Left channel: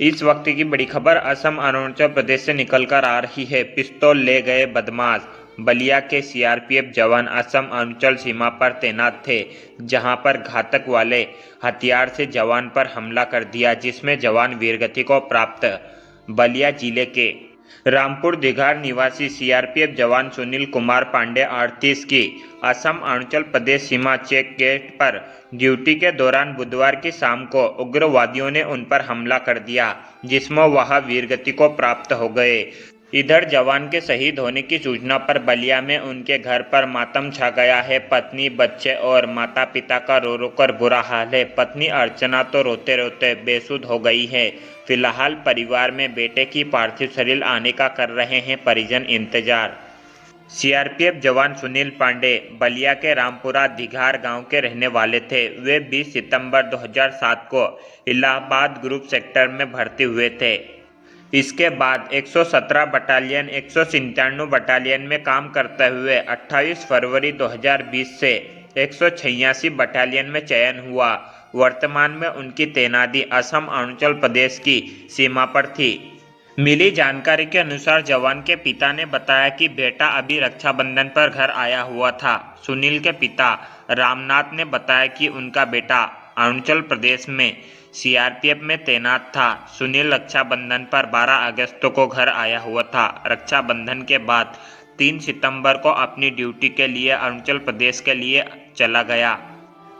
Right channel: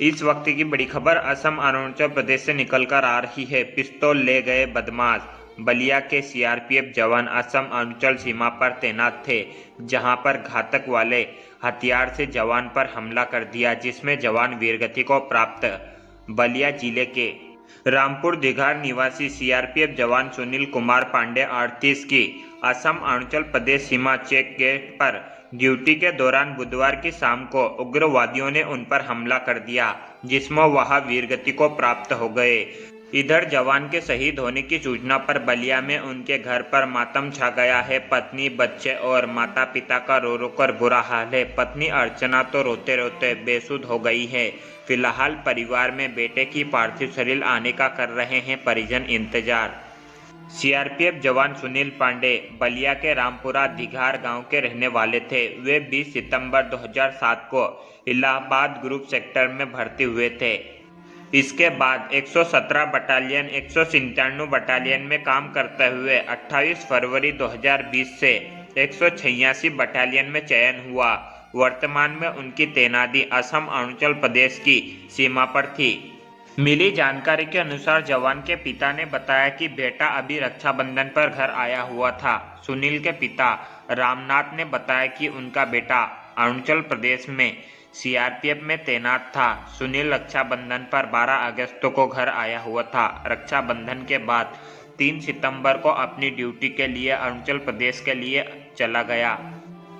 इस वक्त की बड़ी खबर असम अरुणाचल प्रदेश से निकलकर आ रही है। पिस्तौल ले गए बदमाश। बलिया के सीआरपीएफ जवान असम अरुणाचल सीमा पर तैनात थे, जहां पर घातक वाले हथियार से जवान पर हमला कर दिया, जिसमें जवान वीरगति को प्राप्त। बलिया जिले के रामपुर दिघार निवासी सीआरपीएफ जवान सुनील कुमार पांडे 38 की असम अरुणाचल प्रदेश सीमा चेक गेट पर ड्यूटी के दौरान बुधवार की शाम को उग्रवादियों ने उन पर हमला कर दिया, जिसमें वह वीरगति को प्राप्त हो गए। इधर जवान के शहीद होने की सूचना पर बलिया में उनके घर पर मातम छा गया है। पत्नी, बच्चे और माता पिता का रो रो कर बुरा हाल है। पत्नी अर्चना तो रोते रोते बेसुध हो गई है। फिलहाल परिवार में बेटे की पार्थिव शरीर आने का कर रहे हैं परिजन इंतजार। सीआरपीएफ जवान सुनील पांडे बलिया के रामपुरा दिघार गांव के रहने वाले थे। वे 20 सितंबर 2007 को इलाहाबाद ग्रुप सेक्टर में भर्ती हुए थे। इसके बाद 117 बटालियन 197 बटालियन में काम करते हुए 28 फरवरी 2020 से 186 बटालियन में चयन हुआ। वर्तमान में उनकी तैनाती असम अरुणाचल प्रदेश की सीमा पर थी। मिली जानकारी के अनुसार जवान के पिता ने बताया कि बेटा अभी रक्षाबंधन पर घर आया हुआ था। सुनील के पिता रामनाथ ने बताया कि उनका बेटा अरुणाचल प्रदेश में सीआरपीएफ में तैनात था। सुनील रक्षाबंधन पर 12 अगस्त को घर आया हुआ था। रक्षाबंधन के बाद 3 सितंबर को अपनी ड्यूटी के लिए अरुणाचल प्रदेश के लिए चला गया।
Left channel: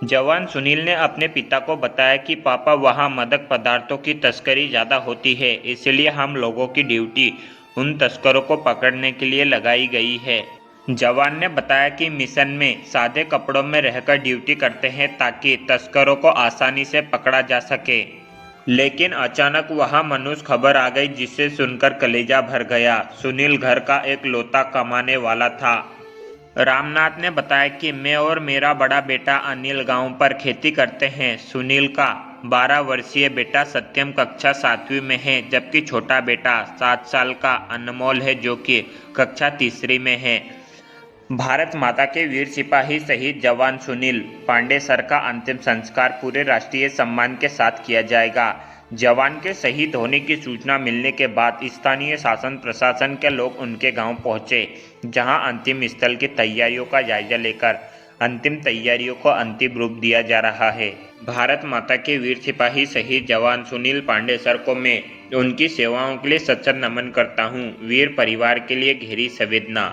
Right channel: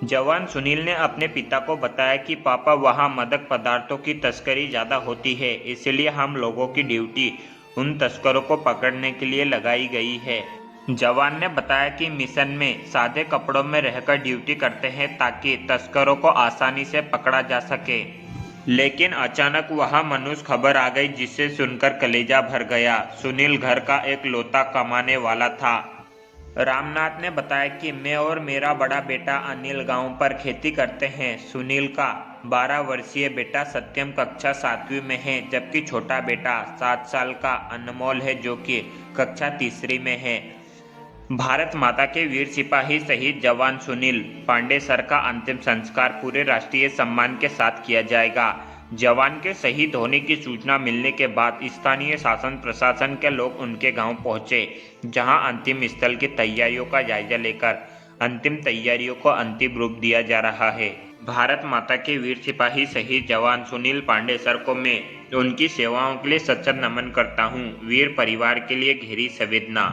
जवान सुनील ने अपने पिता को बताया कि पापा, वहाँ मादक पदार्थों की तस्करी ज़्यादा होती है, इसलिए हम लोगों की ड्यूटी उन तस्करों को पकड़ने के लिए लगाई गई है। जवान ने बताया कि मिशन में सादे कपड़ों में रहकर ड्यूटी करते हैं ताकि तस्करों को आसानी से पकड़ा जा सके। लेकिन अचानक वहाँ मनुष्य खबर आ गई, जिसे सुनकर कलेजा भर गया। सुनील घर का एक लौता कमाने वाला था। रामनाथ ने बताया कि मैं और मेरा बड़ा बेटा अनिल गांव पर खेती करते हैं। सुनील का 12 वर्षीय बेटा सत्यम कक्षा 7वीं में है, जबकि छोटा बेटा 7 साल का अनमोल है, जो कि कक्षा 3री में है। भारत माता के वीर सिपाही शहीद जवान सुनील पांडे सर का अंतिम संस्कार पूरे राष्ट्रीय सम्मान के साथ किया जाएगा। जवान के शहीद होने की सूचना मिलने के बाद स्थानीय शासन प्रशासन के लोग उनके गांव पहुंचे, जहां अंतिम स्थल की तैयारियों का जायजा लेकर अंतिम तैयारियों को अंतिम रूप दिया जा रहा है। भारत माता के वीर सिपाही शहीद जवान सुनील पांडे सर को मैं उनकी सेवाओं के लिए सच्चा नमन करता हूं। वीर परिवार के लिए गहरी संवेदना।